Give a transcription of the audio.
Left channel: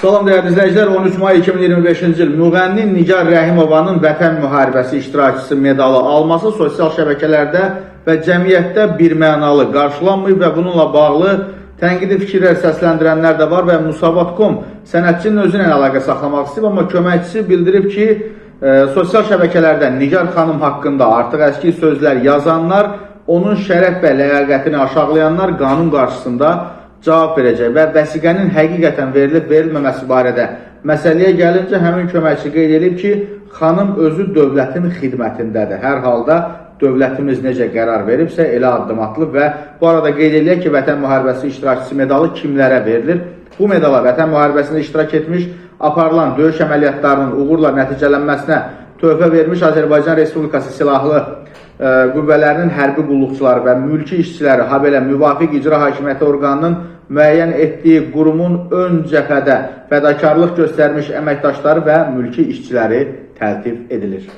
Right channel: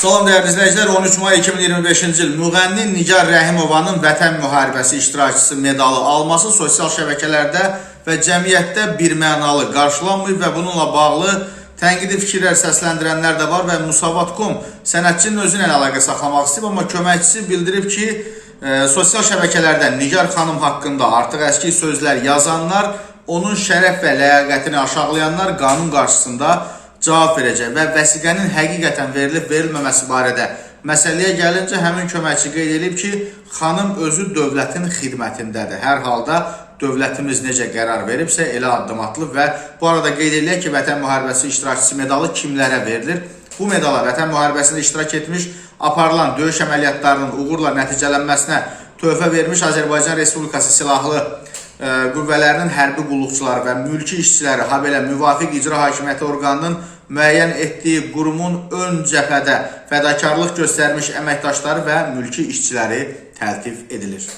Salam dəyərli izləyicilər, 13 may 2025-ci il müğənni Nigar Rəhimovanın Vətən müharibəsi iştirakçısı medalı alması sosial şəbəkələrdə və cəmiyyətdə birmənalı qarşılanmır və bununla bağlı tənqidi fikirlər səsləndirənlər də var və Musavat.com sənətçinin özünə əlaqə saxlamaq istəyib, amma köməkçisi bildirib ki, sosial şəbəkələrdə Nigar xanım haqqında artıq əski sözlər yazanlar, onun şərəf və ləyaqətini aşağılayanlar qanun qarşısında cavab verəcək və vəsiqənin həqiqətən verilib-verilməməsi barədə məsələyə gəlincə həmin köməkçi qeyd edib ki, xanım özü dövlətin xidmətindədir. Hər halda dövlətimiz necə qərar veribsə elə addım atılıb və bu arada qeyd edilək ki, Vətən müharibəsi iştirakçısı medalı kimlərə verilir? Bu medala Vətən müharibəsində iştirak etmiş, aparılan döyüş əməliyyatlarının uğurla nəticələnməsinə töhfə vermiş Azərbaycan Respublikası Silahlı qüvvələrinin hərbi qulluqçuları və mülki işçiləri, habelə müvafiq icra hakimiyyəti orqanının müəyyən etdiyi qurumun ön cəbhədə fədakarlıq göstərmiş əməkdaşları və mülki işçiləri təltif edilir.